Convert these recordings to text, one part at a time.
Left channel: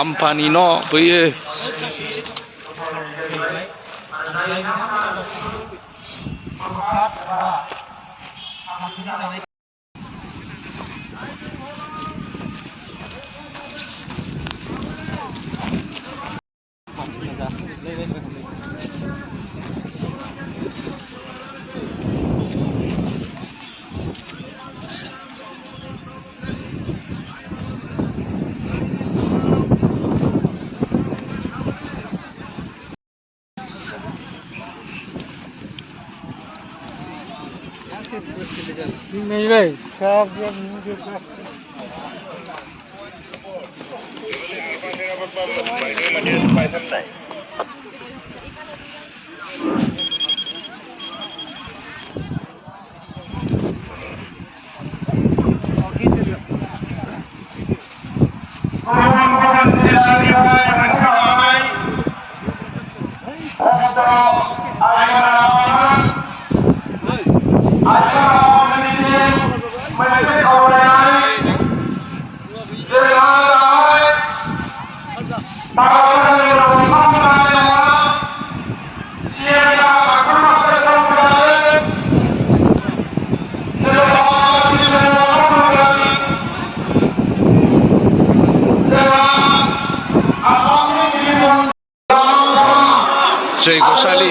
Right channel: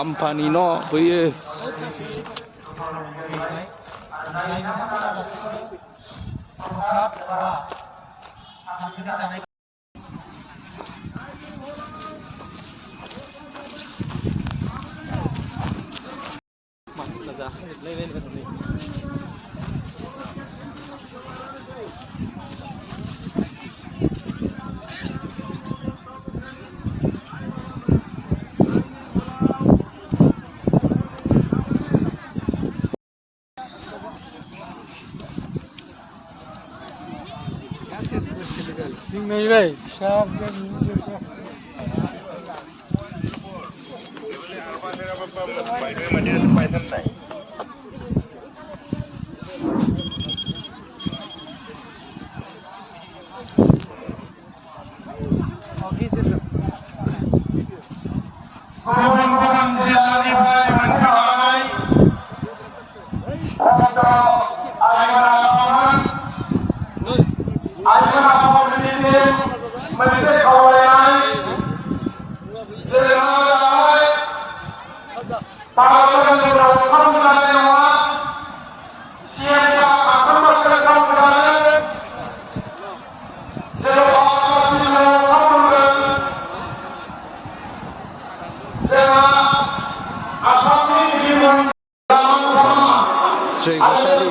साम्फानि न' बैयो नहीं भाई सब जयग'सालि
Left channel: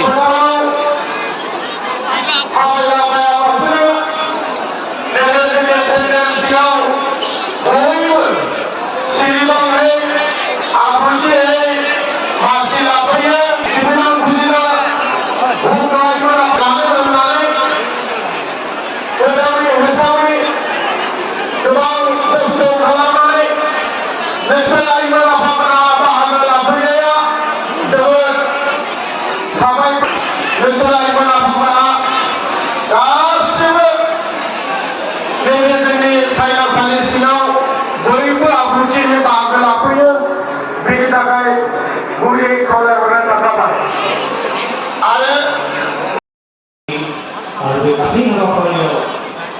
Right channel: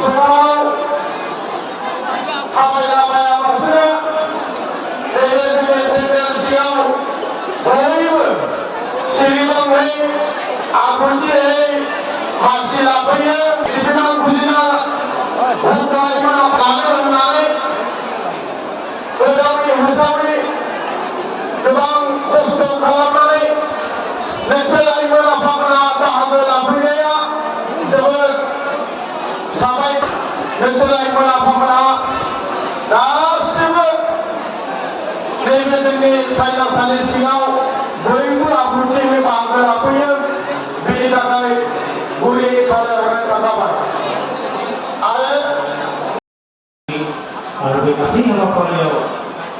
Kasih nongkrongnya,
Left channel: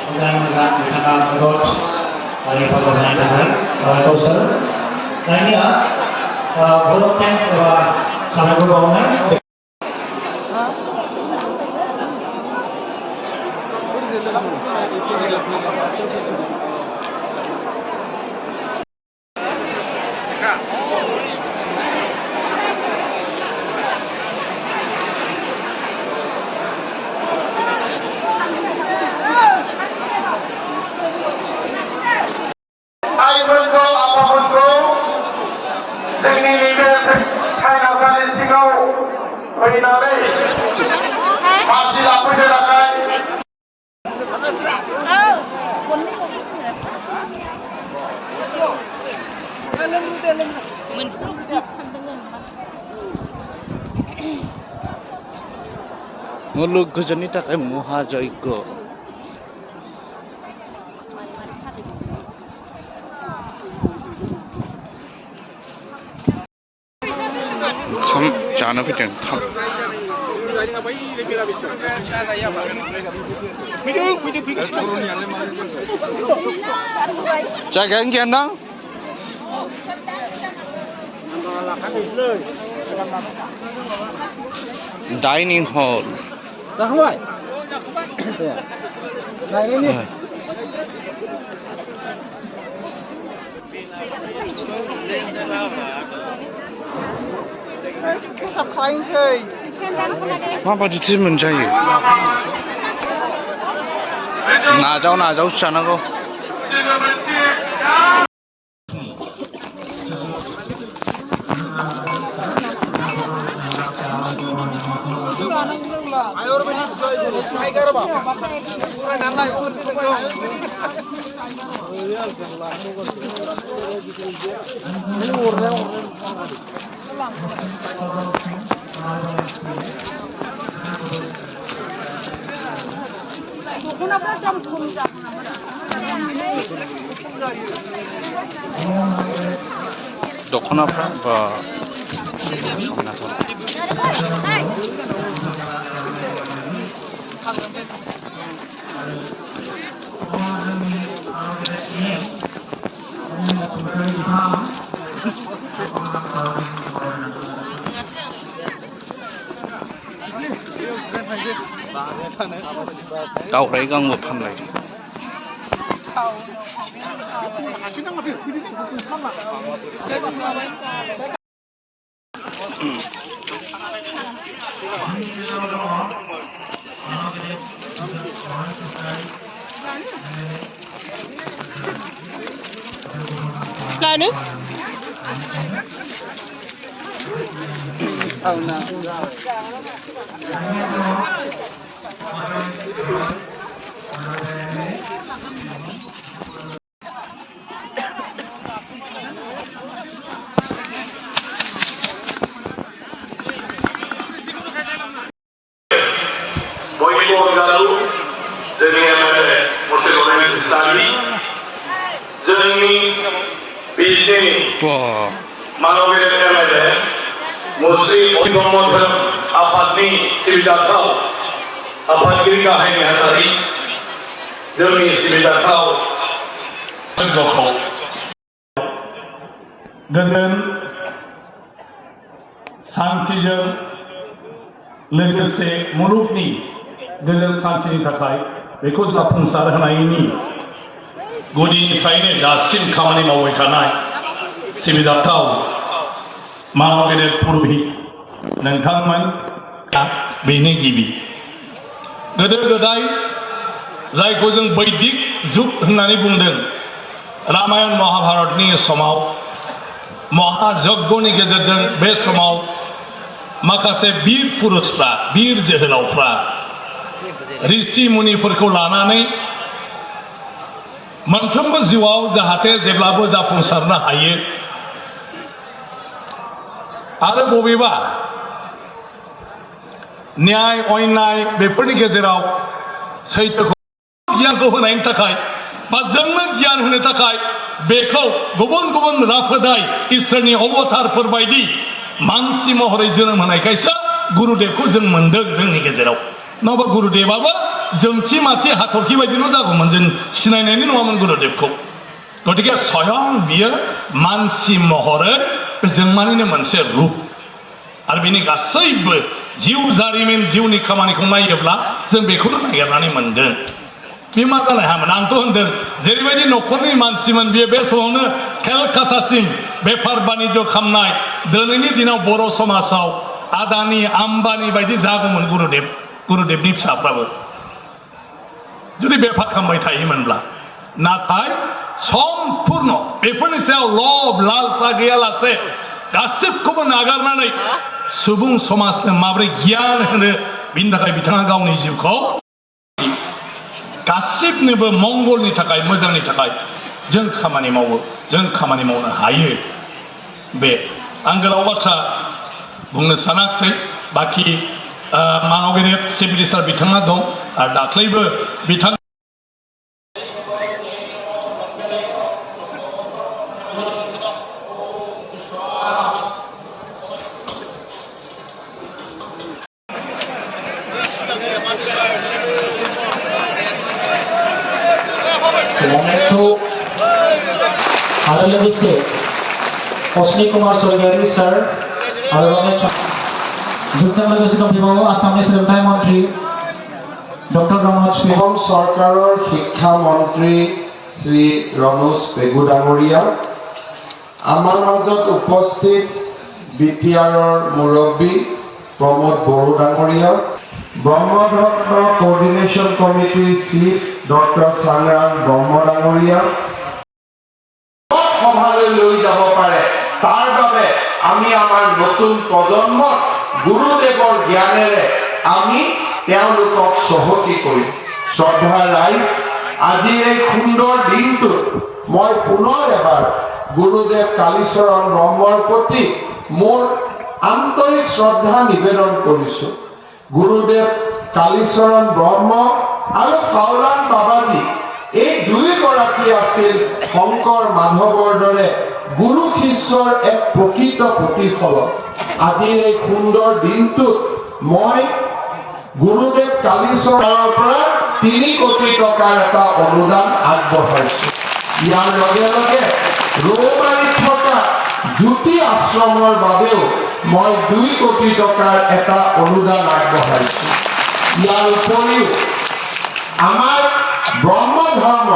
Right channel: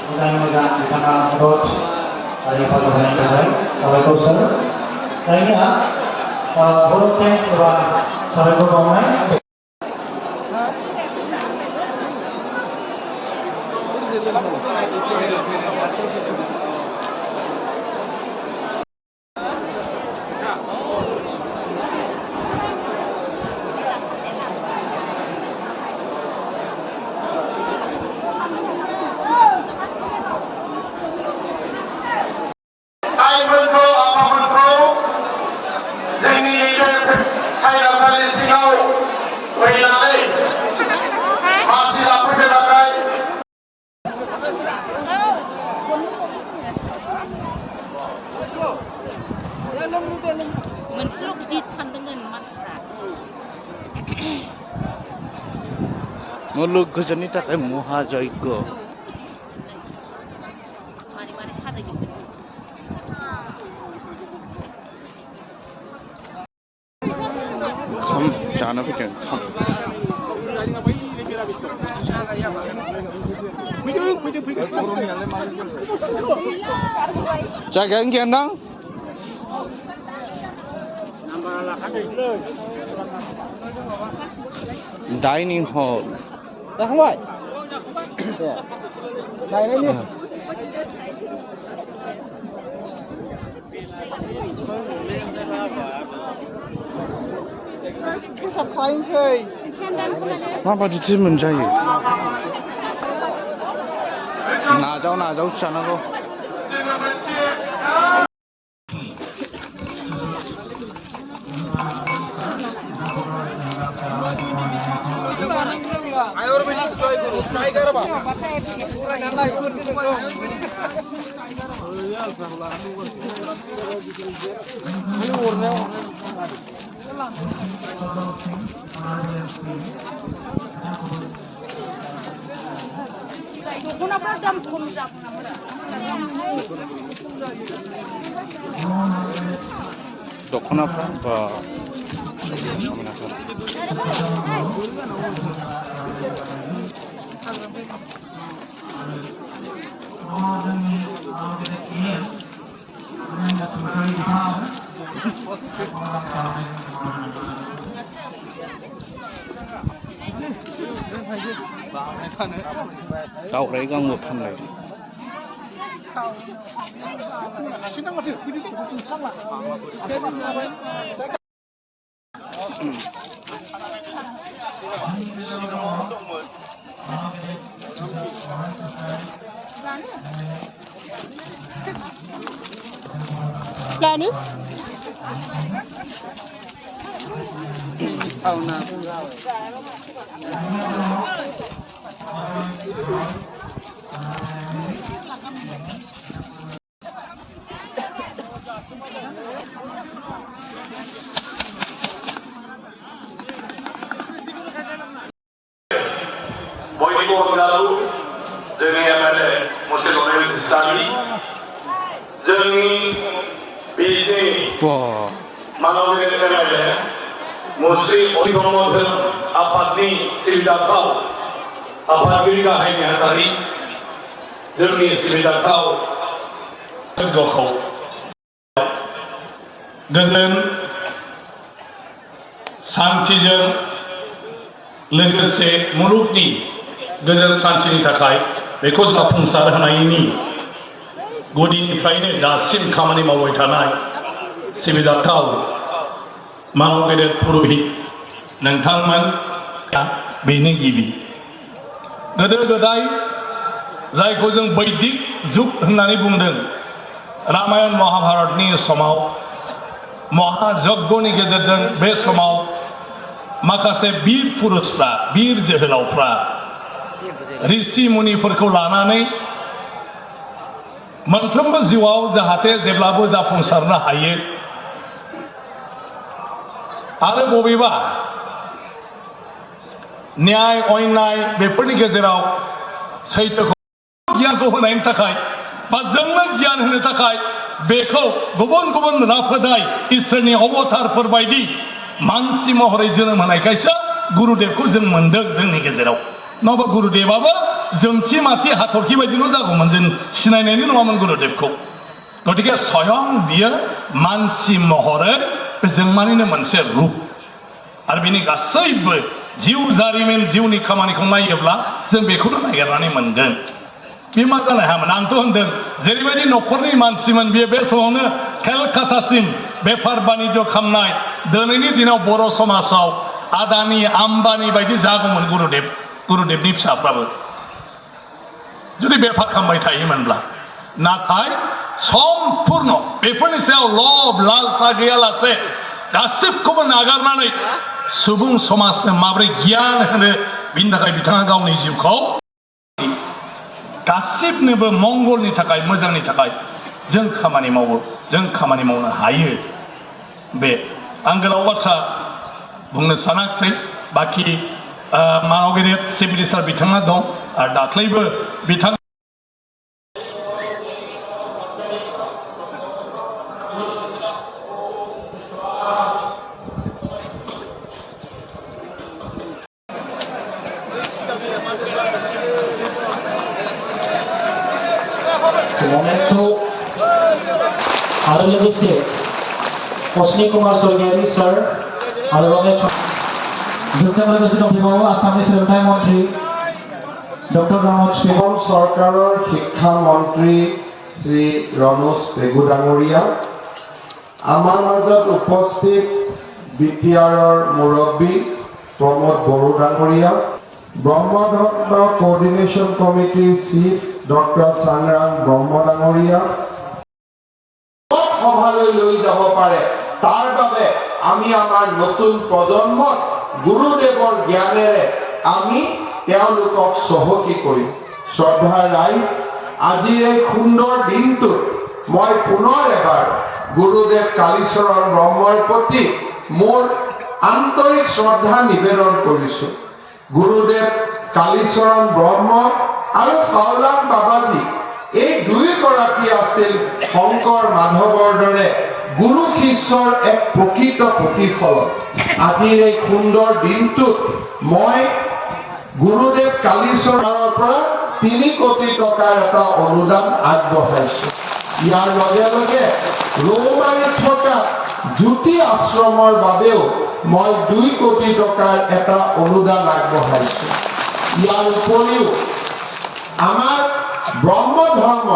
moga-moga kita terus dari pembangunan terbaik, oleh dosen. Nah ini ya, volunteer sampai pembangunan. मुलुग गोजोननि थाखाय महायज्ञ खाम जानो फैदों खाम जायगायानो गैया ना डाइनिं हल जाखांबाय नायनायनि माबायदिथो मोनजायो नाजावसो जानांगौ दख'नाफ्रा बा दाउराइ गांबो फानलायदों Lani? Oh no. बयनिबो अनगालु जोंनि एमएलए मसे लरेन इस्लामी जोंनि बिजिनि वा मानबिल एमएलए मसे ब्रह्म आफादनि सिबिजाथाव आफादगिरि गाहाय नेहाथारि जोंनि सिबिजाथाव गखौ गोजोन सान्थिजों लोगोसे मुलुगनि गोजोन सान्थिनि थाखाय बेखौ जाफुंसार होनायनि गुदिनिफ्रायनो दासिम खामानि मावबाय थानाय सिबिजाथाव मानव गेदेर पुर'हित नोंथांमोन बेनो गिबि गोदो गोदाय जायखौ जों बैदिक जुग होननानै बुंदों रामायण महाभारतनि समाव महायज्ञनि गेजेरजों बे समाव माखासे बीर पुरुषफ्रा बीर जोहोलावफ्रा ऋषि मुनिफोरखौ लानानै मोनफ्रोमबो जिउआव जाहाथे जेब्लाबो जाफुंसारनो हायो आरो बबेबा न्याय अन्याय बेफोरनि गेजेराव सैथोखौ गियानखौ होनायनि थाखाय बा जोंनो गियान होनो थाखाय बेखौ गुबुन गुबुन राफोदाय इसोरनि अबतारफोर बायदि मानसि महरै जोनोम होनायखायसो गुरुदेबखौ जों मोनदों जोंनि गेजेराव नङाबा गुरुदेबाबो जोंथि माथि हाथरखि बायदिल' जागौमोन जों सिनायनायनि नङामोन गुरुदेबखौ गतिके स्वयं बियो मानसि महरै जोंमानिनो मोनसे रूप आरो बिनि गासैबो जिउ जारिमिन जिउनि खामानिखौ नायोब्ला जों बेखौनो नागिरनानै मोनगोन बे मा जानो हायामोन आंथ' होनदों जेरैबायदि न'खरनि मानसिमोन बियो बे समावनो केलकातासिम बेफार बानिज्य खालामनाय दिनैनि दिनाव बर' समाजाव आदानि आम्बानि बायदि जागौमोन गुरुदेबनि फिसाफ्राबो जुदि बेफार खालामबाय थायोमोनब्ला नाथाय सम्पुर्ण बेफोरनि सायाव लब लालसा गैयालासे गासिबखौबो नागारनानै सुबुं समाजनो माबोरै गियान होनो बिनि थाखाय बिथाङा गावनि जिउखौ गासिबनोबो मंगलनि थाखाय मोजांनि थाखाय जों खामानि मावो जों खामानि मावनो हायो बे आं गोलाव बाथ्रा बुंनो सानाखै बाखि मानव गेदेर चिफ मिनिस्टार बिथाङा दं आरो दाख्लैबो बिथां आरो लोगोसे अश्विनी कुमार स्वर्गियारी सर आरो रमेश जोंजों लोगोसे दंफायो आसामनि सोलोंथाइ मन्त्रि डक्टर रमेश অসম চৰকাৰৰ শিক্ষা মন্ত্ৰী শ্ৰী ৰমেশ পেগু ডাঙৰীয়া আমাৰ মাজত উপস্থিত বিটিআৰৰ মুৰব্বী প্ৰমোদ বড়ো ডাঙৰীয়া ব্ৰহ্মৰত্ন কোঅৰ্ডিনেশ্যন কমিটিৰ চিফ ডক্টৰ সংগ্ৰাম ব্ৰহ্ম ডাঙৰীয়া সভালৈ লৈ যাব পাৰে তাৰ বাবে আমি আমাৰ নতুন প্ৰজন্মক গুৰুদেৱৰ জ্ঞানেৰে আমি তেওঁলোকক চহকী কৰিম শ্ৰদ্ধা ৰাইজ আজিৰ এই সুন্দৰ দিনটোত মই পুনৰ এবাৰ গুৰুদেৱ কালীচৰণ ব্ৰহ্মৰ প্ৰতি মোৰ আন্তৰিক শ্ৰদ্ধা নিবেদন কৰিছোঁ গুৰুদেৱ কালীচৰণ ব্ৰহ্ম আৰু ফাউলান বাবাজী এই দুয়োগৰাকী আছিল শংকৰ মাধৱৰ দৰে গুৰু শিষ্যৰ এক প্ৰকৃত প্ৰতিফলন আজিৰ এই সুন্দৰ দিনটোত মই গুৰুদেৱ কালীচৰণৰ পৰা 3 কোটি টকাৰ এটা অনুদান আগবঢ়াইছোঁ ইয়াৰ লগে লগে ৰৌমাৰীত থকা জ্যোতি আশ্ৰমৰ বাবেও মই 2 কোটি টকাৰ এটা অনুদান আগবঢ়াইছো। ইয়াৰ উপৰিও আমাৰ ব্ৰহ্ম ধৰ্ম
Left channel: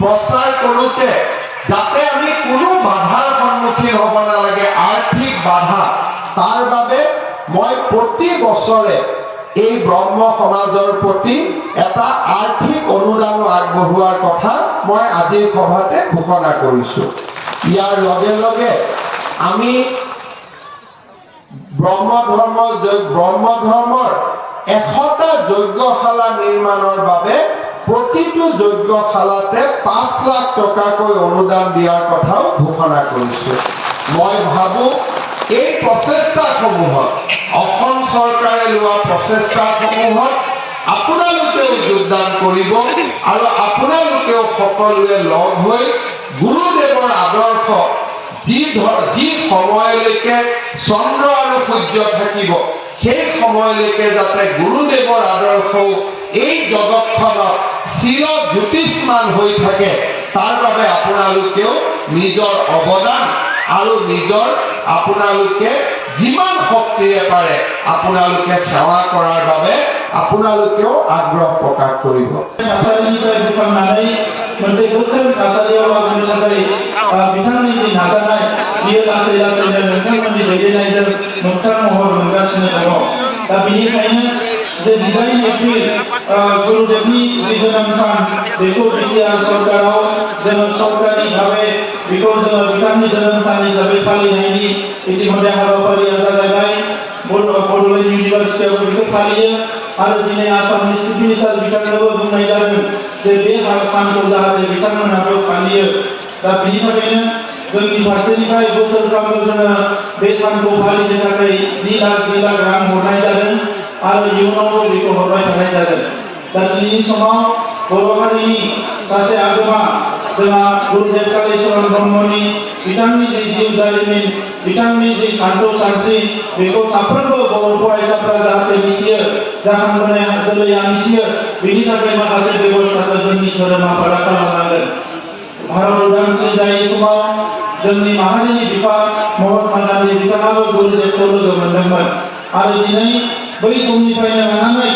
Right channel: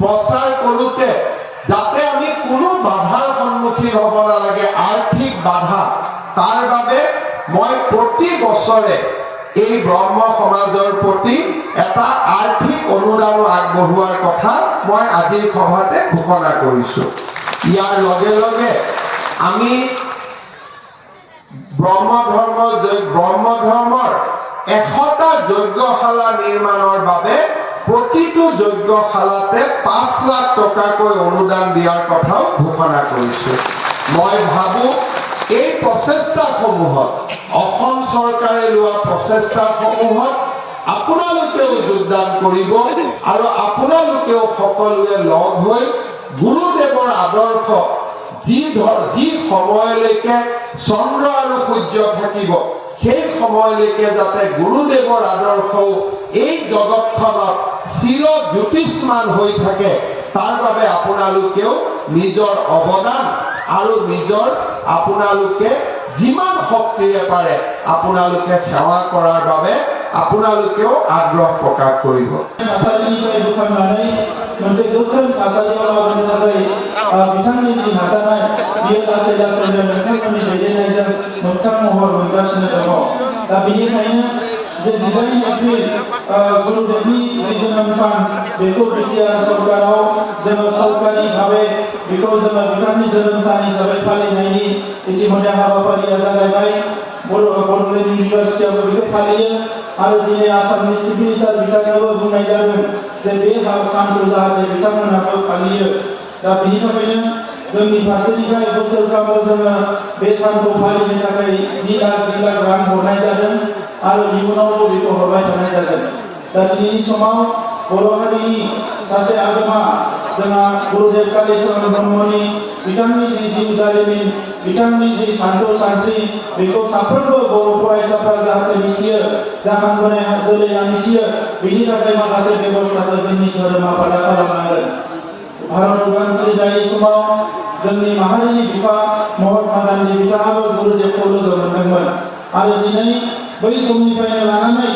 প্ৰচাৰ কৰোঁতে যাতে আমি কোনো বাধাৰ সন্মুখীন হ'ব নালাগে, আৰ্থিক বাধা, তাৰ বাবে মই প্ৰতি বছৰে এই ব্ৰহ্ম সমাজৰ প্ৰতি এটা আৰ্থিক অনুদান আগবঢ়োৱাৰ কথা মই আজিৰ সভাতে ঘোষণা কৰিছোঁ। ইয়াৰ লগে লগে আমি ব্ৰহ্ম ধৰ্মৰ 100টা যজ্ঞশালা নিৰ্মাণৰ বাবে প্ৰতিটো যজ্ঞশালাতে 5 লাখ টকাকৈ অনুদান দিয়াৰ কথাও ঘোষণা কৰিছোঁ। মই ভাবোঁ এই প্ৰচেষ্টাসমূহত অসম চৰকাৰে লোৱা প্ৰচেষ্টাসমূহত আপোনালোকেও যোগদান কৰিব আৰু আপোনালোকেও সকলোৱে লগ হৈ গুৰুদেৱৰ আদৰ্শ যি সময়লৈকে চন্দ্ৰ আৰু সূৰ্য থাকিব সেই সময়লৈকে যাতে গুৰুদেৱৰ আদৰ্শও এই জগতখনত চিৰ জ্যোতিষ্মান হৈ থাকে, তাৰ বাবে আপোনালোকেও নিজৰ অৱদান আৰু আপোনালোকে যিমান শক্তিৰে পাৰে আপোনালোকে সেৱা কৰাৰ বাবে আপোনালোকেও আগ্ৰহ প্ৰকাশ কৰিব। मोनसे गोख्रों थासारियाव लाबोनो थाखाय बिथांनि जि नाजानाय बियो लासै लासैनो नोंथांमोननि दैदेननायजों मोगथां महर मोनगासिनो दङ। दा बेनिखायनो जे 12 एप्रिल गुरुदेवनि जोनोम सान बेखौ बिटिआर सरकाराव जोङो सरकारि भाबै बेखौ जोङो बिथांनि जोनोम सान हिसाबै फालिनायनि इतिमध्य हाबाफारिया जागायबाय। बड'लेण्ड इउनिभारसिटियाव बेखौ फालियो आरो दिनै आसामनि चिफ मिनिस्टार बिथाङाबो बुंनाय जादों जे बे सानखौ जाहाथे बिथांमोनाबो फालियो। दा बेनि थाखायनो जोंनि फारसेनिफ्राय बोसोरफ्रोमबो जोङो बे सानखौ फालिनो थाखाय 2 लाख रां हरनाय जादों आरो इयुनावबो बेखौ हरबाय थानाय जागोन। दा दिनैनि समाव बर' हारिनि सासे आगोमा जोंहा गुरुदेव कालिचरण ब्रह्मनि बिथांनि जि जिउ जारिमिन, बिथांनि जि सानथौ सानस्रि, बेखौ साफ्रोमबो बर' फरायसाफ्रा जाहाथे मिथियो, जाखांबोनाय जोलैया मिथियो, बेनि थाखाय माखासे बेबस्थाखौ जोंनि धोरोम आफादा खालामनांगोन। भारत उदांस्रि जायै समाव जोंनि माहारिनि बिफा महात्मा गान्धी बिथाङाबो गुरुदेवखौ लोगो मोनदोंमोन आरो दिनै बै समनिफ्रायनो लानानै